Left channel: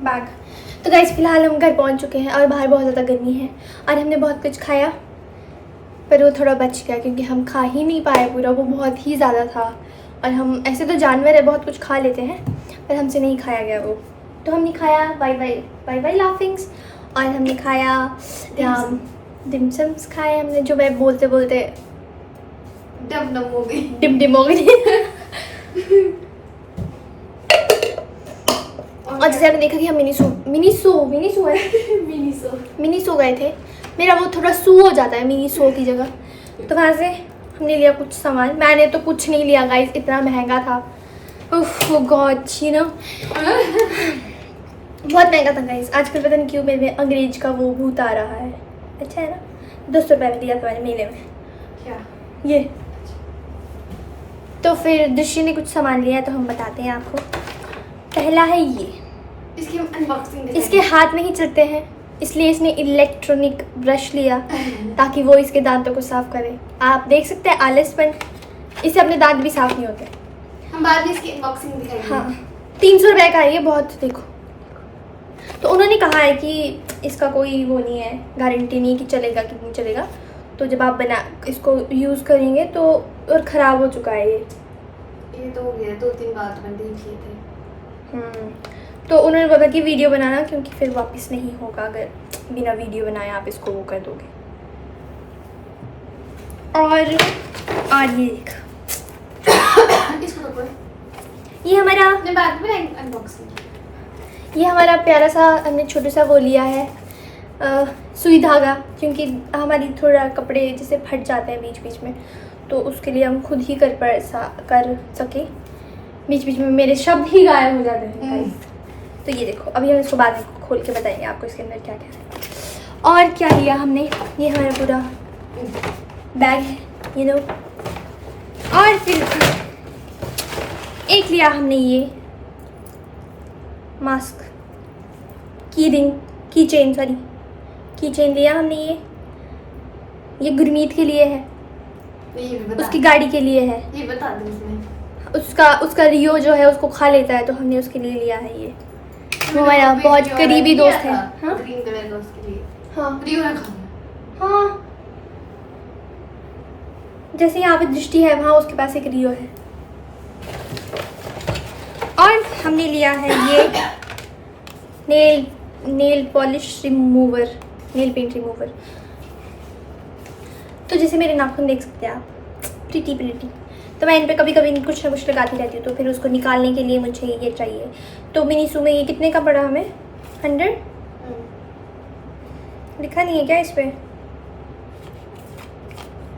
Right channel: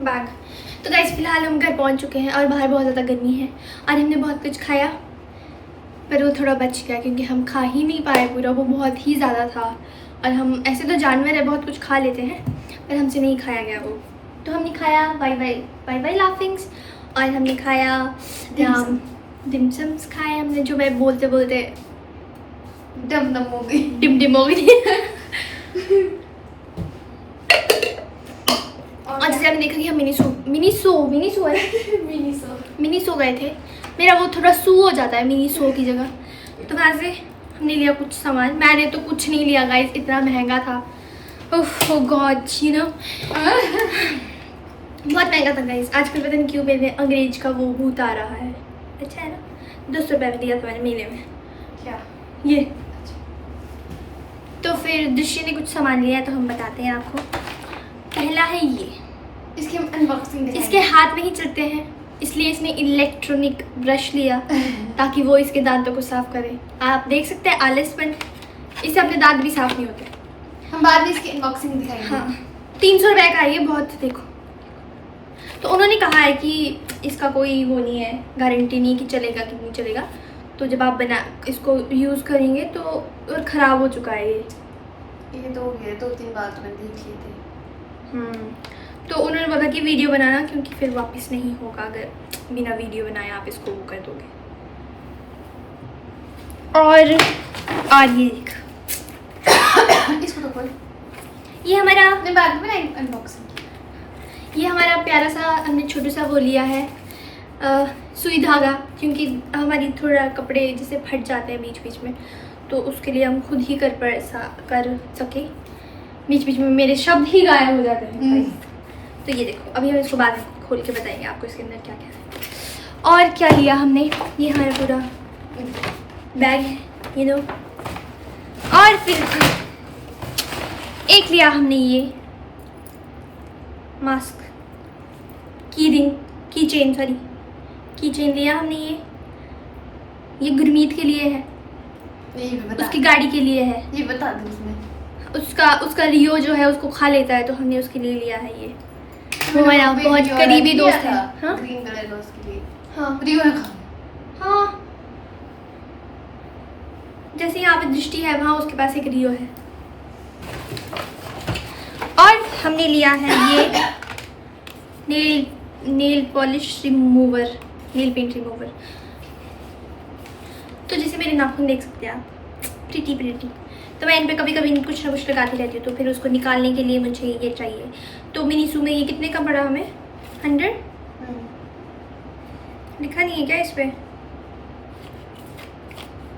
Bag. तो guys फिलहाल हम घर पहुंच चुके हैं और बाहर बहुत ज़्यादा गर्मी है और हमने बहुत कुछ खाया पर वो थोड़ा बच गया क्योंकि हम खा ही नहीं पाए पूरा, वो बहुत ही ज़्यादा था। और हम ऐसे तो जानवर है बहुत कुछ खा लेते हैं पर हमसे नहीं खाया गया वो। तो हमने खाया वाई वाई लाफिंग्स और हमने खाया डिमसम्स खाए हमने, जो मैं बोलते बोलते डिम हो गई। और जैसे आपने देखा कि हम मिनी सो गए थे। मेरा वो थोड़ा सू हो जाता है मिनी सो की जगह। तो वहाँ से हमने लिया कुछ सामान। मैंने तो कुछ नहीं लिया गाइस, इतना महंगा था। ओह गॉड यू नो बहुत महंगा था गाइस। आजकल पता नहीं क्यों मेरे अंग्रेज का वो भूत आ रहा है। अच्छा है ना, 200 रुपये में दिया था मैंने मेले में। क्या ये? तो फिर दृश्य ने कुछ सामान लिया तो हम बताते हैं आपको। पहला है ये, इसकी अनबॉक्सिंग। इसके हाथ नहीं चलते हैं इसलिए इसने इलेक्ट्रॉनिक ब्रश लिया ताकि वो इसके दांतों को साफ करे। आप देख सकते हैं आलसपन, इससे अपने दांत भी साफ नहीं होते। हम बाद में इसकी अनबॉक्सिंग दिखाएंगे। हाँ 300 रुपये का है ये, बहुत देखो। तो उन्होंने कहा है कि इसका कोई वो नहीं है, गारंटी नहीं कि चलेगा कि नहीं चलेगा। तो जब आप इसको यूज़ करेंगे तो और ख़राब हो चुका है ये तो हो गया 2-3 बार तो मैंने देख लिए थे। तो उन्होंने बोला कि वीडियो बनाना क्योंकि फिर वापस नहीं होगा अगर बिना वीडियो बनाए आप इसको वो कर दोगे। और ये देख इसको तो ये हमारा मैं बाद में अनबॉक्सिंग। ये हमारा प्यारा सा हमने छोटा सा वो लिया है सुई धागा, क्योंकि हमारी थोड़ा कपड़े जैसे फट जाते हैं बीच बीच में, तो उसके लिए हम खुद ही कर सके। बीच बीच में मेरे शब्द ही गायब हो जाते हैं भाई। तो ये देखो, अभी हम इसको बाद में खोल के बताएंगे आपको इसके अंदर क्या क्या है। और क्या लिया हमने, ये हमारा पूरा बैग है यू नो। और फिर एक लिया हमने ये मास्क, की चेन लिया हमने। ये गुरमीत के लिए है, उसकी गाड़ी के लिए है। ये बता दो उसमें उसका रियो जो है उसको खा लेता है तो हमने उसके लिए लिया है ये। वो हमारा बहुत करीबी दोस्त है। हाँ ग्रीन कलर दोस्त के लिए। हाँ रियो ने खा। हाँ, जैसे यहाँ पे दृष्टि है वहाँ उसके पास एक रियो है। और हमने लिया है ये nail polish remover, nail paint remover. तो जैसे मेरे नाखून देख सकते हैं आप, प्रीटी। तो मैं इन पर कभी कभी कुछ ना कुछ लगाती रहती हूँ, तो फिर उसको निकालने के लिए मुझे ये चाहिए। तो मिनी सू में ये कितने का पड़ा हमें? 100 लिखा नहीं है क्या इस पर?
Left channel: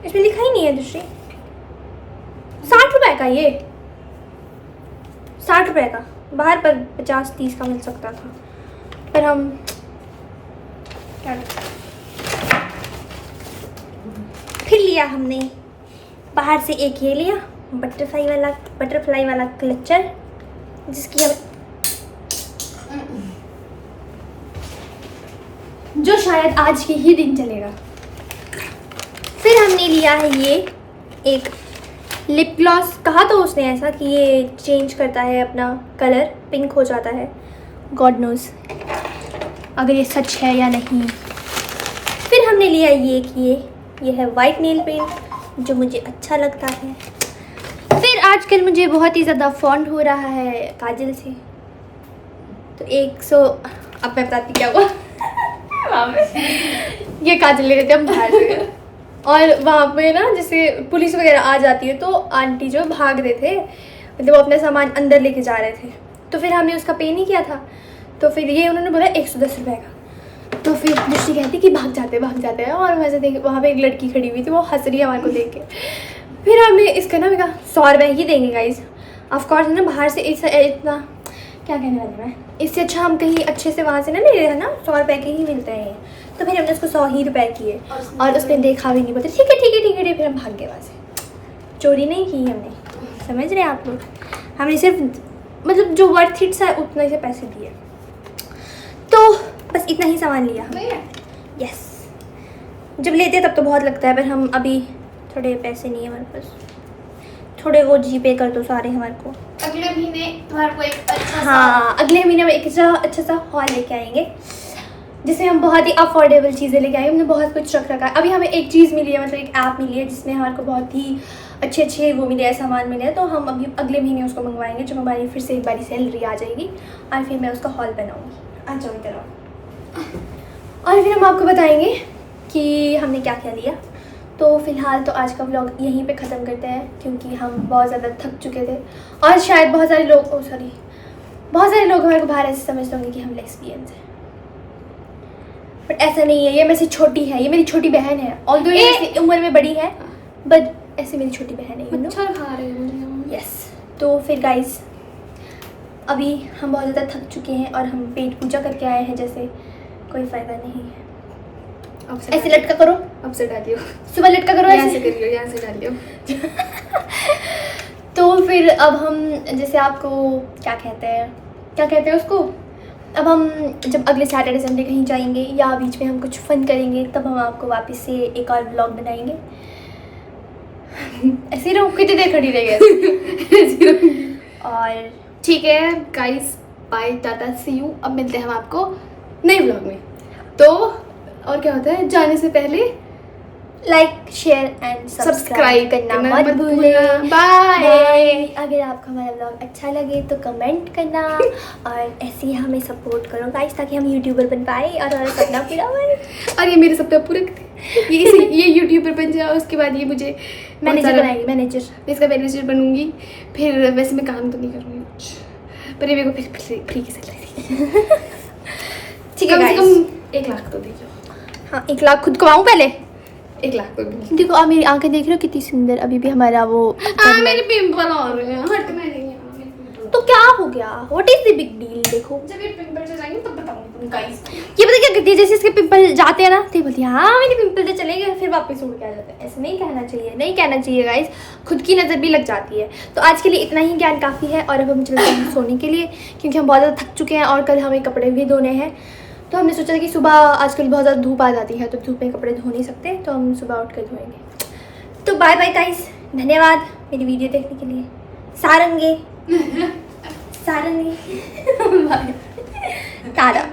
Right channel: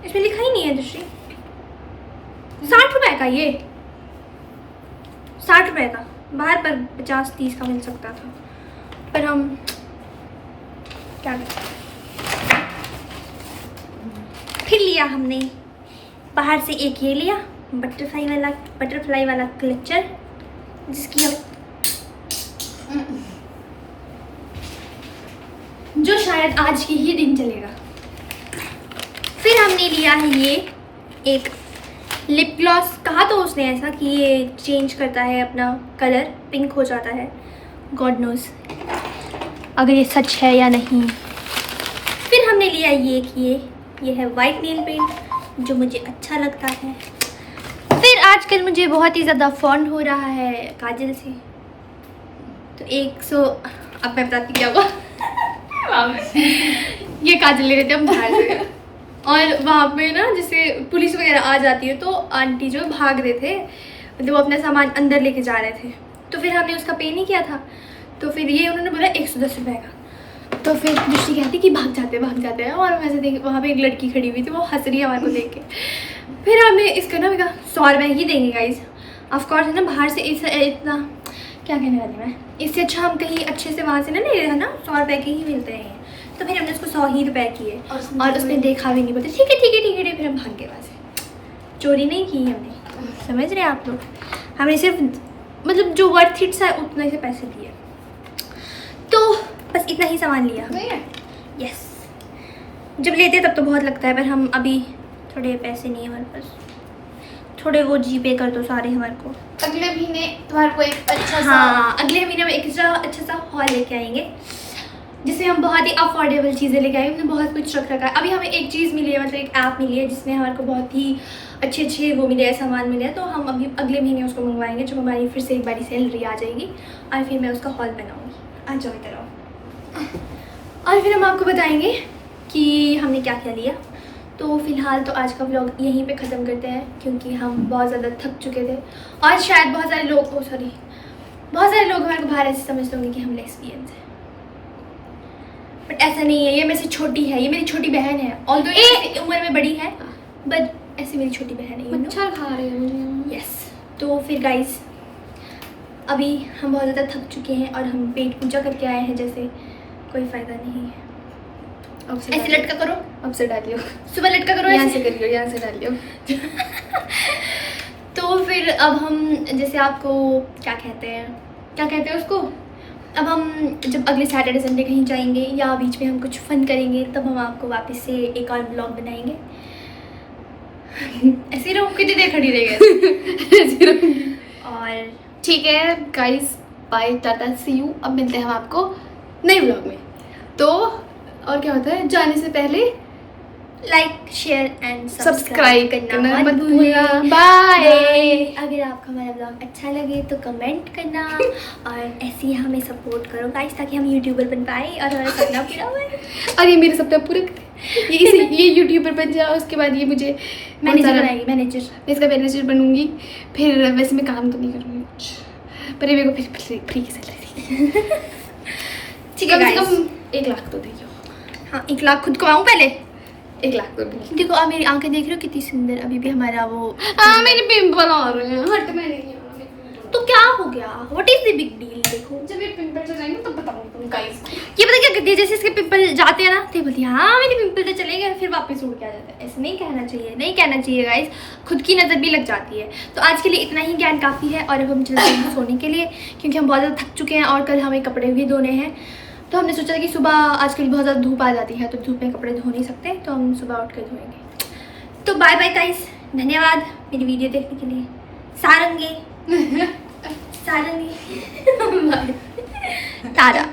इसमें लिखा ही नहीं है दृष्टि। 60 रुपये का ये, 60 रुपये का। बाहर पर 50-30 का मिल सकता था पर हम क्या करते। फिर लिया हमने बाहर से एक ये लिया बटरफ्लाई वाला क्लचर, जिसकी हम जो शायद आज के ही दिन चलेगा। फिर हमने लिया है ये एक लिप ग्लॉस। कहा तो उसने ऐसा कि ये चेंज करता है अपना कलर, पिंक हो जाता है। गॉड नोज अगर ये सच है या नहीं। फिर हमने लिया ये है वाइट नेल पेंट जो मुझे अच्छा लगता है। फिर आजकल मुझे बहुत ही ज़्यादा फॉन्ड हो रहा है काजल से, तो 100 अब मैं बताती क्या हुआ। ये काजल ले रहे थे हम बाहर से और वहाँ पे ना जैसे पुलिस वगैरह आ जाती है तो आंटी जो भाग रहे थे, मतलब वो अपना सामान अंदर लेके जा रहे थे। तो फिर हमने उसका पे नहीं किया था, तो फिर ये उन्होंने बोला 110 रुपये का। तो फिर दृष्टि कहती कि भाग जाते हैं। और वैसे देख वहाँ पे एक लड़की खड़ी हुई थी, वो हंस रही है हमारे को देख के। फिर हमने इसका ना कहा 100 रुपये ही देंगे गाइज। ऑफकोर्स है ना, बाहर से इतना क्या कहने वाली मैं, इससे अच्छा हम कहीं अच्छे से वहाँ से ना ले रहे ना, 100 रुपये के ही मिलते हैं। तो फिर हमने उसको 100 ही रुपये किए और उसने देखा भी नहीं, बोलते ठीक है। फिर हम भाग गए वहाँ से। चोरी नहीं की हमने, समझ रहे हैं आप लोग। हमने सिर्फ मतलब जो वर्थ इट है उतना से पैसे दिए। तो बस इतना ही सामान लिया हमने। यस, जब लेते हैं तब तो बहुत लगता है, पर हम अभी थोड़े पैसे नहीं है हमारे पास, थोड़े वो जीपे कर दो सारे हमारे को। अगले महीने तुम्हारे को एक अच्छा हाँ, अगले महीने में एक अच्छा सा हॉल लेके आएंगे जिसमें हम बहुत ही अफोर्डेबल चीज़ें लेके आएंगे। हमने बहुत कुछ रख रखा है। अभी हमें एक चीज़ मिली है, मतलब एक ऐप मिली है जिसमें हमारे को बहुत ही अच्छे वो मिले हैं, सामान मिले हैं। तो हम अभी अगले महीने उसको मंगवाएंगे। जब हमारी फिर से एक बारी सैलरी आ जाएगी और फिर मैं उसका हॉल बनाऊँगी। आ जाओ इधर आओ। और फिर हम आपको बताएंगे कि हमने क्या क्या लिया। तो फिलहाल तो आज का व्लॉग यहीं पे ख़त्म करते हैं क्योंकि हम बहुत ज़्यादा थक चुके थे और शायद बहुत सारे लोग बहुत सारे लोग हमारे को बाहर ऐसे समझते होंगे कि हम लेस्बियंस हैं, बट ऐसा नहीं है। ये मेरे से छोटी है, ये मेरी छोटी बहन है। ऑल्दो ये उम्र में बड़ी है बट ऐसे मेरी छोटी बहन है। मच्छर खा रहे हैं मुझे। यस। तो फिर गाइस अभी हम बहुत ज़्यादा थक चुके हैं और हम पेट पूजा करके आए हैं, जैसे कोई फ़ायदा नहीं है। ऐसे लटका करो, अब से डालियो, सुबह लटका करो, यहाँ ऐसे से करियो, यहाँ से डालियो। तो फिर अब हम जैसे आपको क्या कहते हैं उसको, अब हम जब अगले सैटरडे संडे कहीं जाएंगे या बीच में हम कुछ फन करेंगे तब हम आपको वापस से एक और ब्लॉग बनाएंगे। ऐसे ही रहो, कितनी देर खड़ी रहेगी। और ठीक है guys, bye, tata, see you. अब मिलते हैं हम आपको नए व्लॉग में। तो और क्या होता है, जाने से पहले लाइक शेयर एंड सब्सक्राइब करना मत भूलना। बाय। अगर आपको हमारा ब्लॉग अच्छा लगे तो कमेंट करना और ऐसे ही हमें सपोर्ट करो गाइस, ताकि हम यूट्यूबर बन पाए और हमारा सपना पूरा हो। और ये मेरे सपने पूरे ये यूट्यूबर बन जाए, उसके बाद ये मुझे मैनेजर बनाएगी, मैनेजर। मैं इसका मैनेजर बनूंगी। फिर वैसे मैं काम तो नहीं करूँगी कुछ, पर ये मेरे को फिर फ्री की सैलरी। ठीक है, कम से guys। कम 1 लाख तो देखो। हाँ, 1 लाख खुद कमाऊँ पहले। 1 लाख तो देखो। देखो आप मेरी आंखें देख रहे हो कितनी सुंदर। अभी भी हमारा वो मेरे पिंपल आ रहे हैं। हट, मैं नहीं है। तो क्या हो गया, what is the big deal. देखो जब ये पिंपल से जाएंगे तब बताऊंगी तुम गाइस। ये पता क्या करती है, जैसे इसके पिंपल जाते हैं ना तो ये बोलती है हाँ मेरे पिंपल तो चले गए, फिर वापस उड़ के आ जाता है। ऐसे नहीं कहना चाहिए गाइस, खुद की नज़र भी लग जाती है। तो आज के लिए इतना ही ज्ञान काफ़ी है और अब हम चलते हैं सोने के लिए क्योंकि हम बहुत ज़्यादा थक चुके हैं और कल हमें कपड़े भी धोने हैं। तो हमने सोचा कि सुबह आजकल बहुत ज़्यादा धूप आ जाती है तो धूप में कपड़े धो नहीं सकते, तो हम सुबह उठ कर धोएंगे। तो बाय बाय गाइस, धन्यवाद मेरी वीडियो देखने के लिए। सारंगे टाटा।